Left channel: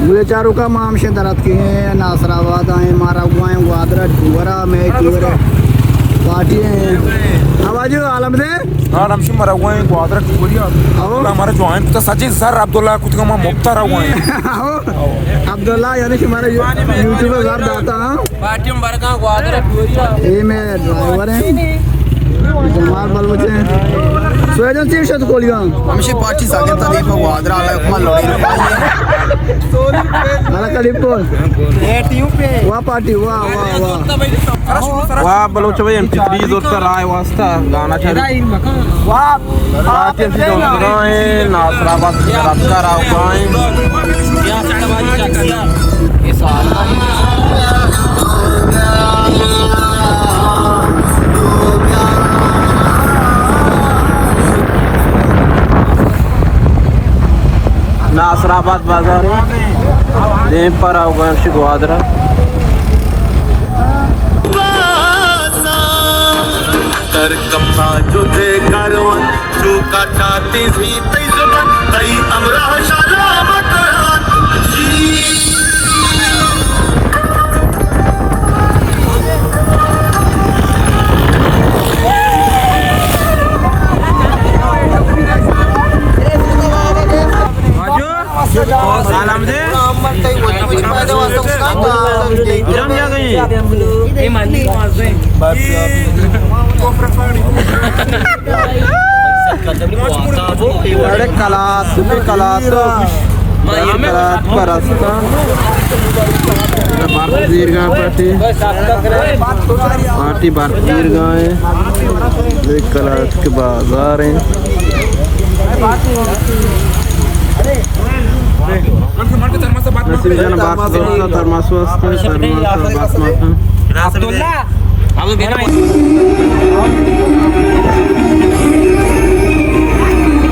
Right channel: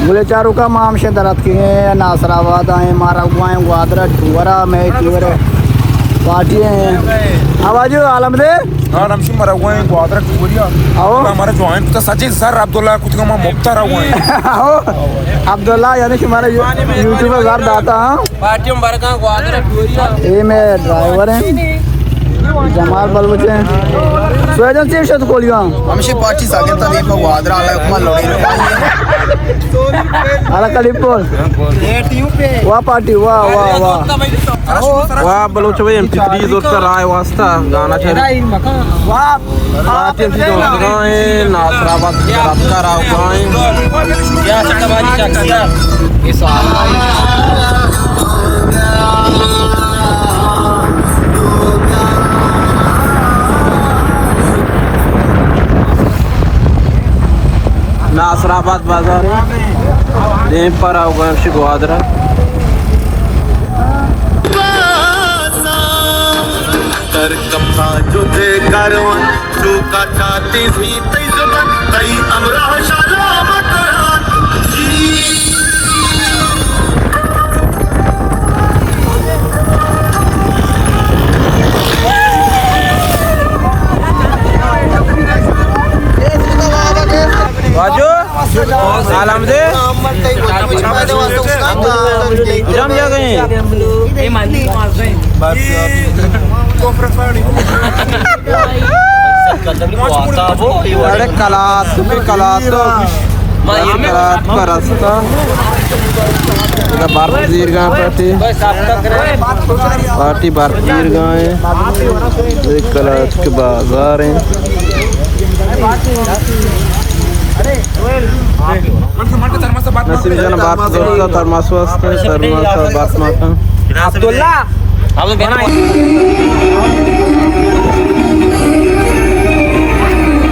गुले चारू का मामशे दरत की नासराबाद आए मारा हुआ ग्वादरा वरा में पार्टी हैं आवाज आलम दे आलम से मरा हुआ है ग्वादरा टुकड़िया और हमारा जॉइंट का सचिन सर अब्दुल्ला कुछ का मुफ्ता रहा हुआ है अब्दुल्ला यानी कि हमारा यूट्यूबर सर दाता पार्टी में बरका ग्वादरा ये में ड्राइवर हैं जमाल बलबचे सोयजन से शत कोलिया हमसे पार्टी सागे तो दीपक ग्वादरा आला कुमा लोड़ी आला कलिपो वाह पार्टी वाह वाह वाह वाह बलूच भाई MP3 दोस्त राय वास्ता गाना चल वाह पार्टी से दोस्त राय नासराबाद का राव गाए क्या चढ़वानी चाहता इस नासराबाद बाजार है पर आओगे ग्वादरा कर कम्मा तुझे करवा तू कटाती भी तेजबा कई अमरा शराबत आलम दे जम जा गए ये मंदिर मार से अरे कला तो रास्ता भारत दीर्घा पार्टी भारत दीर्घा है कला के बाजार है जन भारत दोस्त धर्मास्वास्थ्य अब्दुल्ला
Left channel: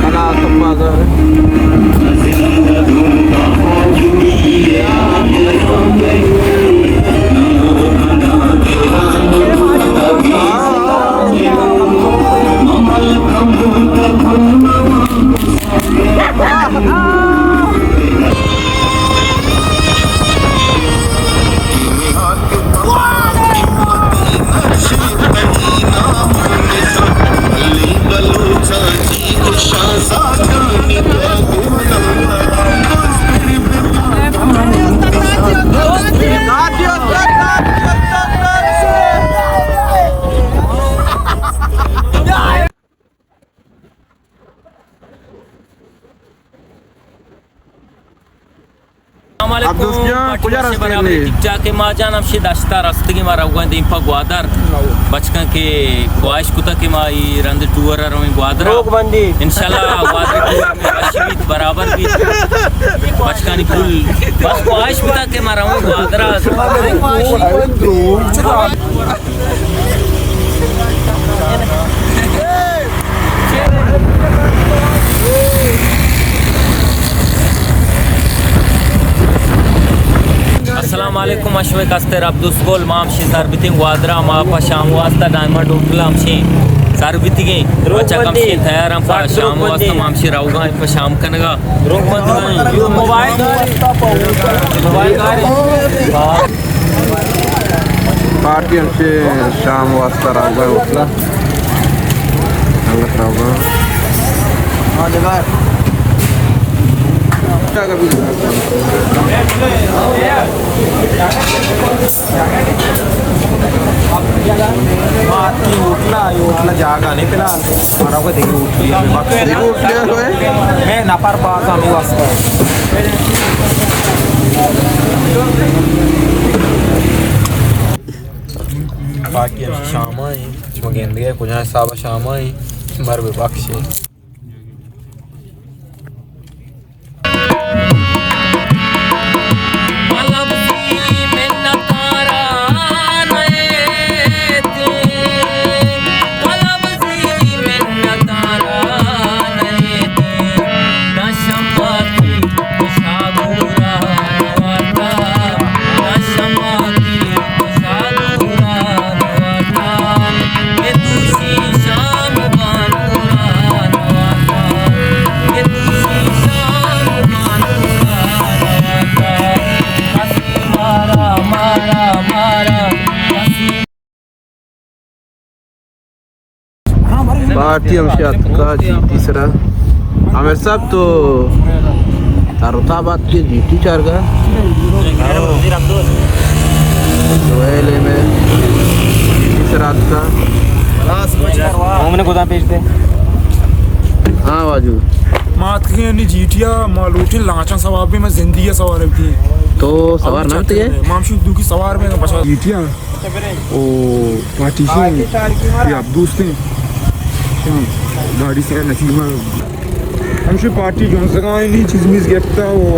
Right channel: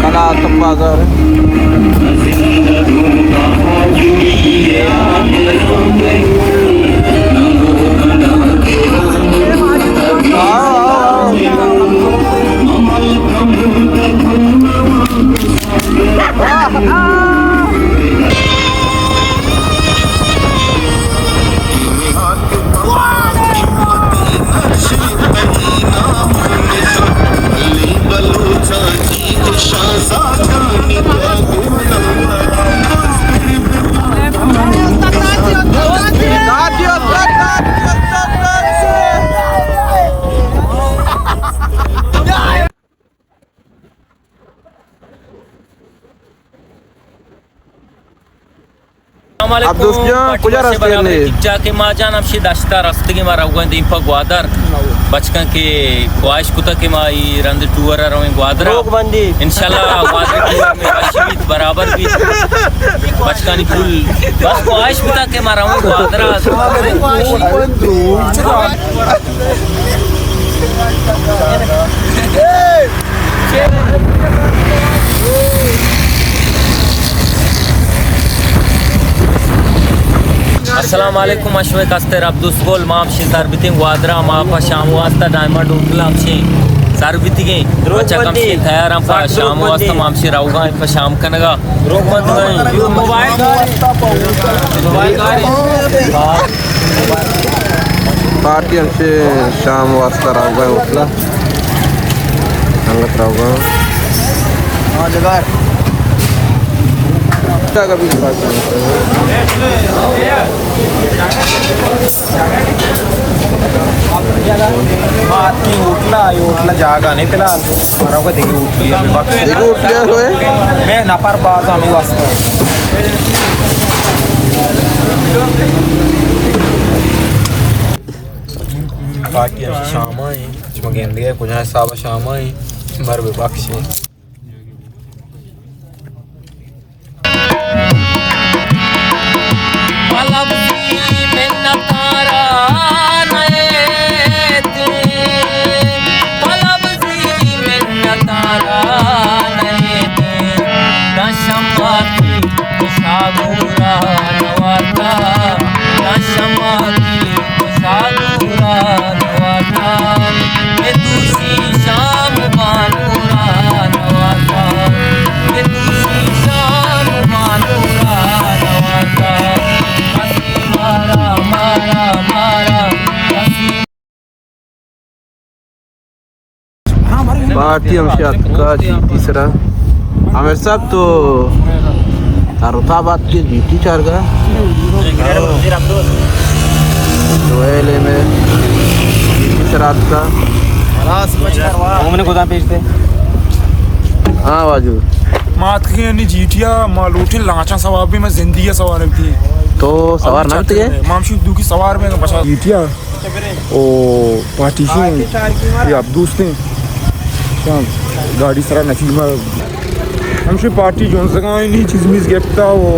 कला तो बाजार अब दोस्तों कुछ रास्ते ने जाके मां जान अब से दास्ता रास्ते के मारा हुआ दीपक ग्वादर बचका के ख्वाहिश कुता के माई रंद टूर रहे ग्वादर बंदी इंशाल्लाह बराबर भी बचका नी फुल ख्वाहिश कुता के मारा हुआ ग्वादर अस्सलाम वालेकुम अशरफ अस्तर अब्दुल माम से सरबती ग्वादरा मापा शाम वास्ता डायमंड उठला हमसे सरबती के अच्छा कम से तैयार हम पर शाम वास्ता माम से राउगा पर शाम कनगा मोबाइल पार्टी हमसे शाम वास्ता राउगा उठला संगत राउगा हां जगह उठला जागा नहीं पिला मारा को देखो उठले हुए नहीं नापार बात आने वास्ते पार्टी शाम आई मगेंदी है कुछ साबा शाम आई मर बख्शे Parti hamsi atka GT sera. Amer sab to Tarutabad ke GT charga. Joel में GT sera atka. हमने खुदा भेजते हाँ वाजू. मात के ने जीटिया मालूटी लाचा सवाब भी मैं जिंदगी सवार थी तो सवार ना तो ये मामशी दू की सवार में बसा जीटिया ओ पार्टीशन ये अब दोस्त हैं शाम गाड़ी सरा नसीब में हमशी पार्टी जोन जगह नहीं चीज मिस गेप्ता वो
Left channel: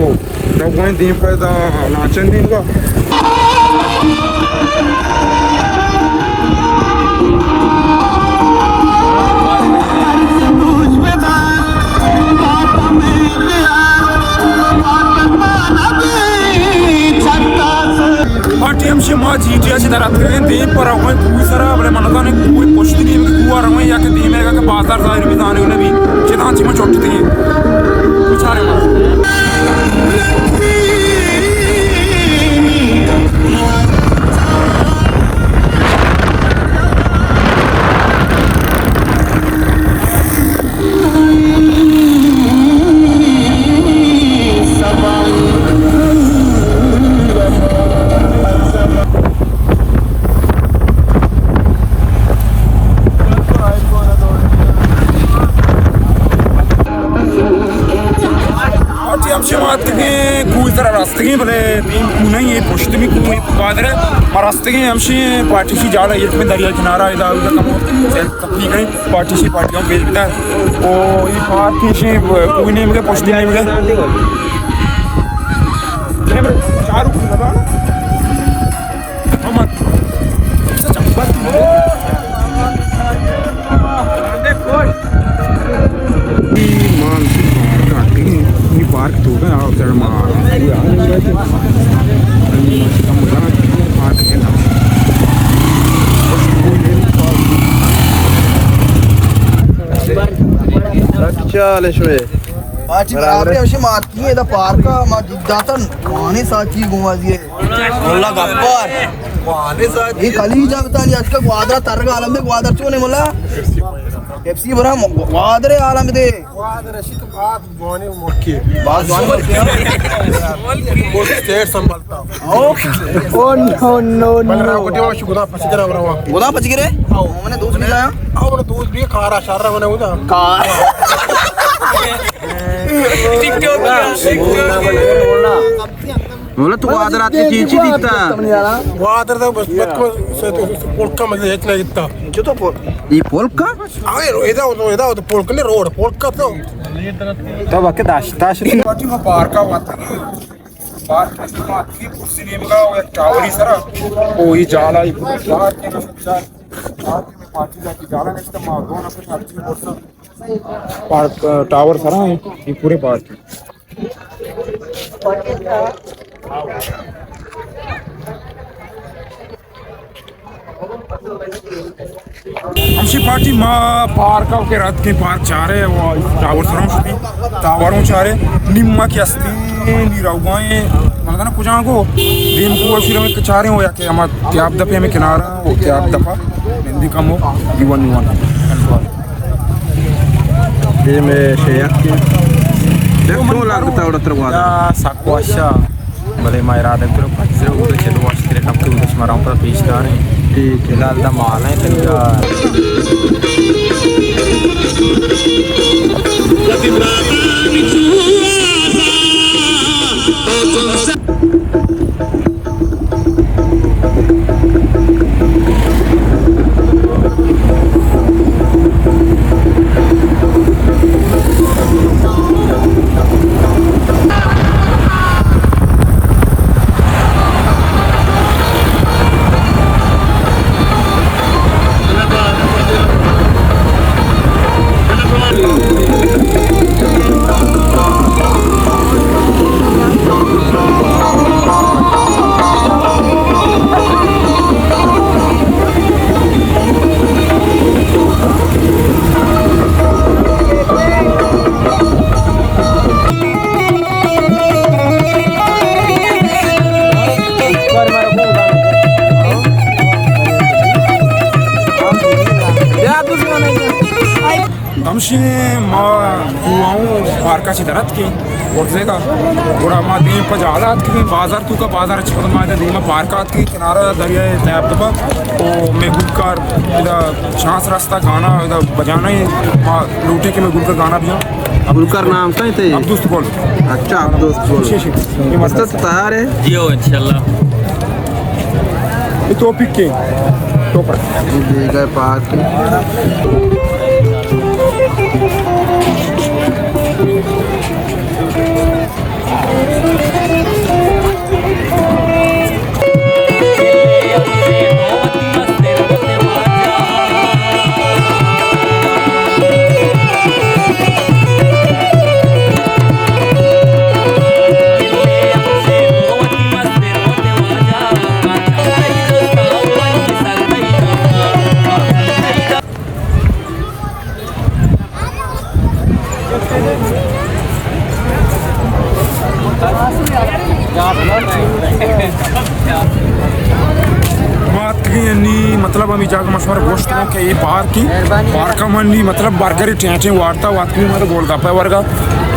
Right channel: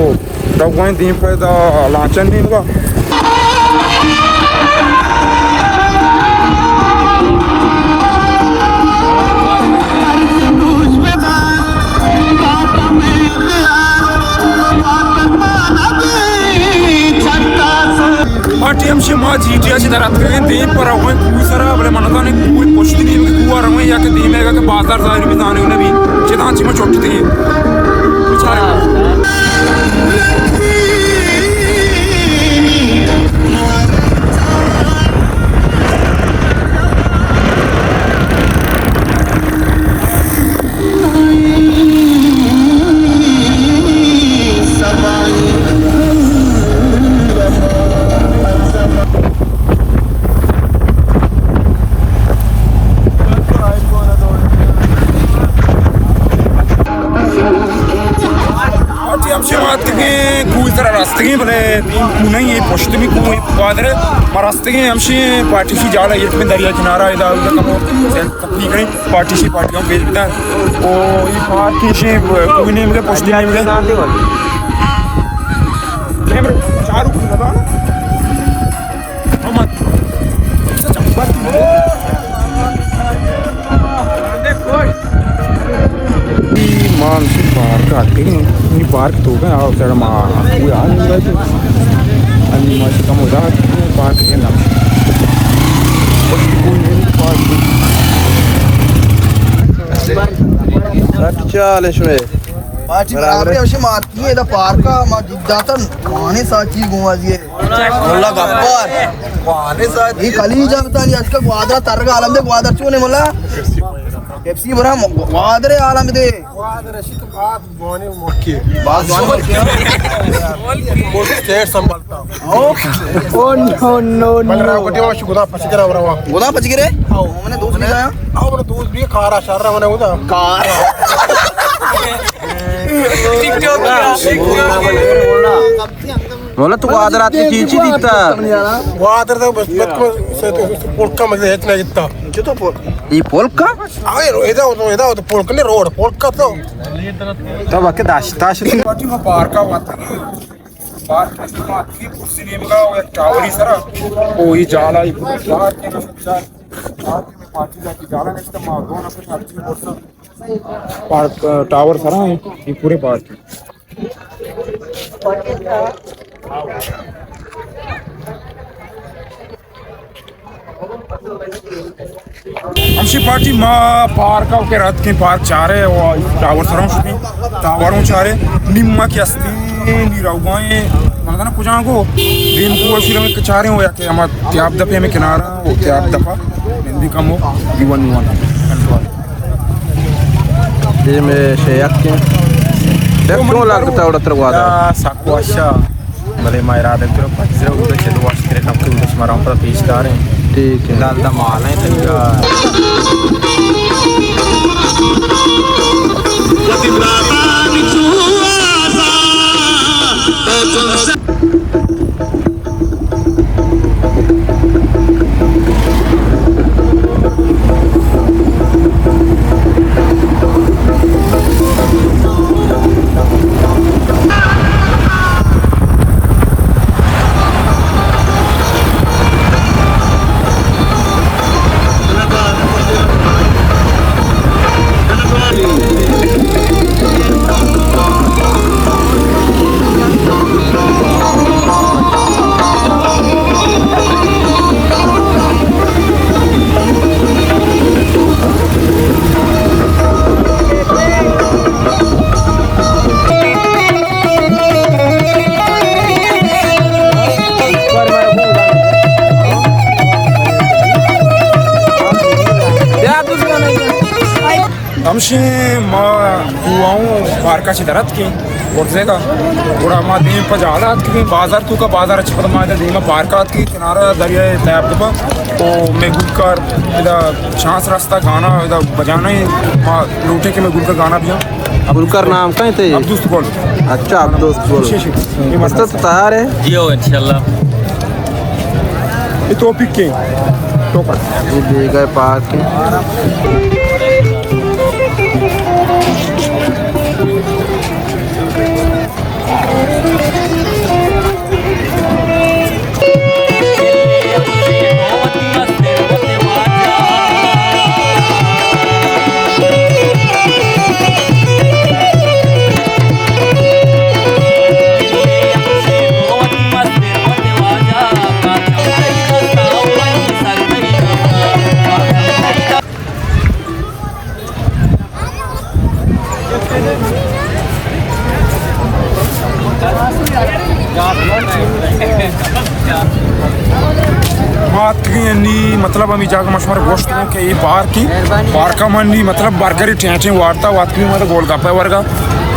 दवाएं दे पैदा लाचा नहीं होगा हमसे माँ जीतिया से दरात के दिन पर रंगों कुछ सारा बड़े मनता ने कोई पोस्टी नहीं कि कुआ रंगों या के दिन है कि बाजार जाहिर भी दाने उन्हें भी चेतान चीमा चोटते हैं रास्ते बने नहीं ये पोस्ट भी कोई बादर रास्ते के हमसे पार्टी सी जा रही है इसमें दरिया किनारा इधर उधर कम ठीक है पार्टी सी पार्टियों भेज बिना ओ ये पार्टी सी कोई नहीं मुझे पोस्ट दिया मुझे चारू लगा हम मानसिक पार्क आते हैं पार्क तो है और सर मां यार अभी माशी का मजाक पार्क के नाम अच्छा लेशुने पार्टी बराबर है उसे मारती है इधर पार्क का दातन माने साची घुमा दिए मोला गप्पर माने साची ये खाली जाता है आज तक वादरा तरगा आलम में वादर क्यों नहीं मोला एफसी बरा वादरे आलम दे वादर शित बात बोने मक्के बात बोने वो स्टेट संभालता ओ नो नो बलरा कोटी वाश गुदा पचगरा बरवा गुदा पचगरे आओ मैंने दूध लिया आओ मैंने दूध भी खारा शर्रा मैंने उदा कार टिकटॉक मोला तू वादर आते चीची दिखता वादर तो बस को पोलका मध्ये येत नाही इतना क्यों तो ये पोलका आवे एदा तो पोलका ने रोड पोलका तो तब आके दाश्ताश पार्टी में पार्क का बात पार्क में की कुर्सी ने का वो टावरी सरा ओ ये जाला ये पार्क के पार्टी जाके जाला नेक्स्ट टाइम दोन अपने अर्जी वर्ष पार्क टावर सरा है ये पूरे पार्क हमसी पार्टी माँ पार्क के रात के पार्क चाह रहे वो टावर सरों से टावरों चाह रहे निम्मा की अस्ती निराउगाएं मतलब ना कुछ को दिन को ऐसी रंग के चाह रहे हो या कि हम त्याग दफे में किनारा वो त्याग दफा नंदी कम हो युवन ये में शेयक के क्यों लागता उड़ा तरवादा साक्वाशा भले मायरा दे तो पचरे उधर चलो वाश करे हम के उधर स्मरण पर पेश कर रहे हैं ठीक है लाल दमान है हमसे माँ पार्का ची दरत के उठेगा और हम दिन पर ज़्यादा कि बाजार तू का बाजार अच्छी पता मार दिन में पार्का की किनारा दरिया तैयार तो मैं गुल कर इधर सांस रास्ता गाना इधर बजाना ही माँ लूटे के मैं गुल का गाना दिया अब्दुल कर नाम कहीं थे अब दोस्त बोल अच्छा अब दोस्त बोल मस्त तो तैयार है जियो इंशाल्लाह ये तो पिक के तो पर ये गए पार्क के मतलब हम जाकर मशहूर गोश्त के ये बार का मंडी मतलब बर्गर ठेचे वार्ता वाकई मतलब गोलगप्पा वर्गा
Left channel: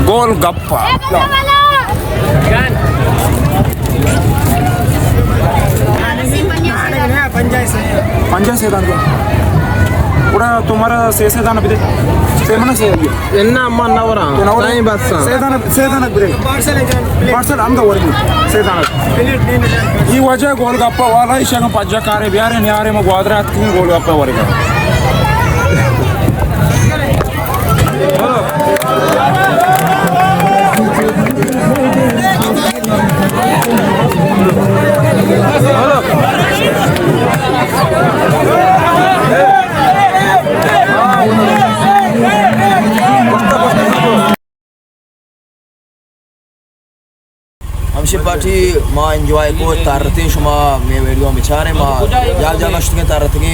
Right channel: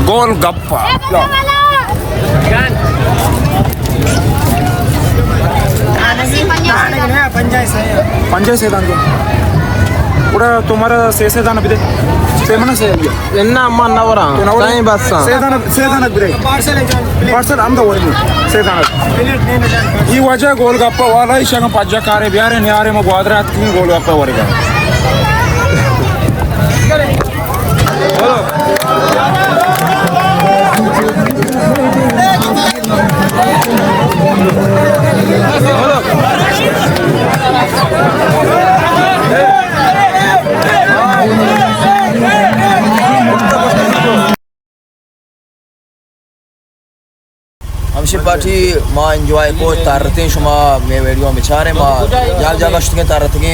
गोलगप्पा पंजा से दान पूरा तुम्हारा से दान अभी से मना से ಎನ್ನ ಅಮ್ಮ ಅನ್ನವರ ಸಾಯಿ ಬಸ್ ಸೇದಾನ ಬಿರೆ ಪಾರ್ಸಲ್ ಆಮ್ದ ಓರಿ ಸೇದಾನ ಈ ವಜಾ ಗೋಲ್ಗಪ್ಪ ವಾಲ ಇಶಾಗ ಪಜ್ಜ ಕಾರೆ ಬ್ಯಾರೆ ನ್ಯಾರೆ ಮ ಗೋದ್ರ ಹತ್ತಿ ಗೋಲ್ಗಪ್ಪ ಓರಿ हमशी पार्टी माँ एंजॉय को तारते शुमा मैं वीडियो में छा रहे माँ यार जगह शुतगे तारते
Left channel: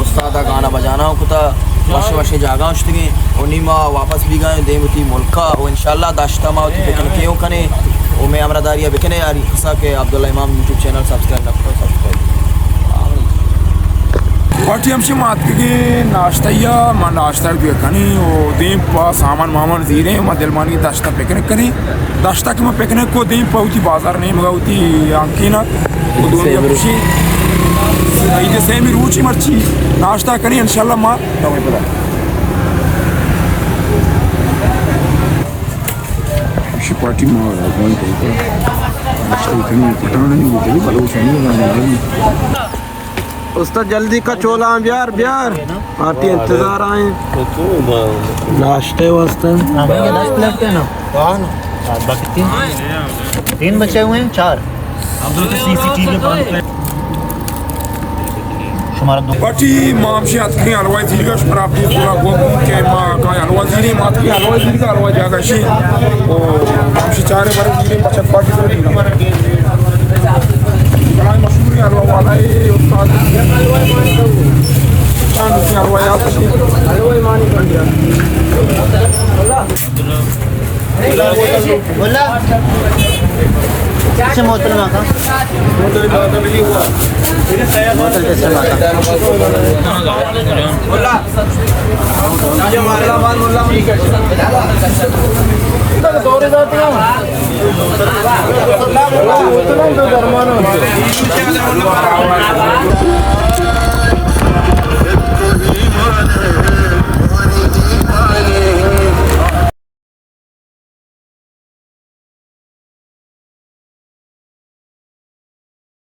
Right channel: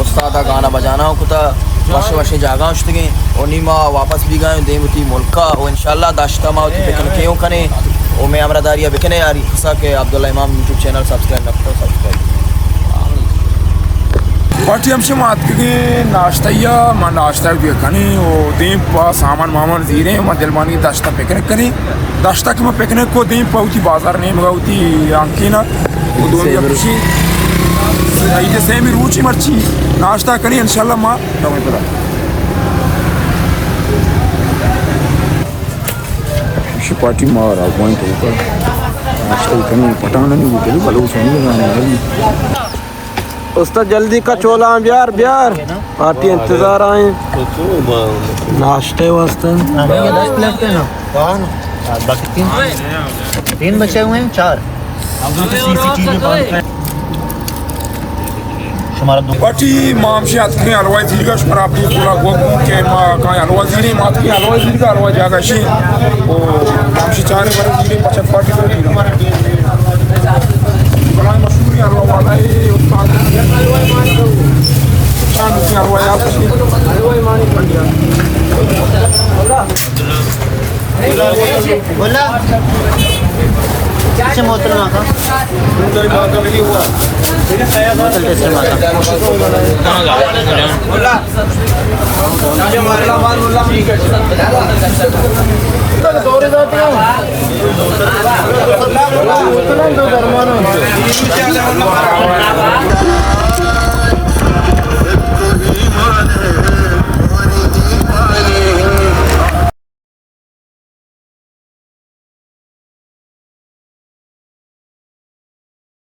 उस्ताद गाना बजाना हो कुता वर्षे वर्षे जागा शुतगे और नी माँ वापस भी गए देवती मुल्का और इंशाल्लाह दाश्ता माँ क्यों कने वो मैं हमारा दारिया बिकने यार किसा के अब्दुल्ला इमाम यूट्यूब चैनल सब्सक्राइब न करो सब्सक्राइब पार्टी हमसे मात के नाश्ता या माँ नाश्ता भी कनी वो देव पा सामान मामान जीरे माँ दिलमानी दाश्ता पिकनिक कनी दाश्ता की मैं पिकनिक को देव पाऊती बाजार में मंगाऊती आंकी ना वो दोनों खुशी ये सेमी रूची मर्ची नाश्ता कनी इंशाल्लाह माँ तमें पता पार्टी माँ रागवान तो का नाश्ता कनी पटाना नहीं होते ना बलों से नहीं ना उस्ताद जल्दी का चोला ब्यार ब्यार पार्टी इंतजार आए नाश्ते वास्ते बाकी तीन बचे हुए हैं 4 पार्टी माम से आती है अलवा जी का पर आप ये पूरा गोगो के मां का अलवा जी मात की अलवा जी का अलवा जागा शी वो से चार जी हमारा टीम बड़ा मशहूर है अलवा पाक के उस्ताद बोला अच्छा मोटर रखा उधर बात लगी हुआ मेरे तैयार बोला ये मामला बात बोला ठीक है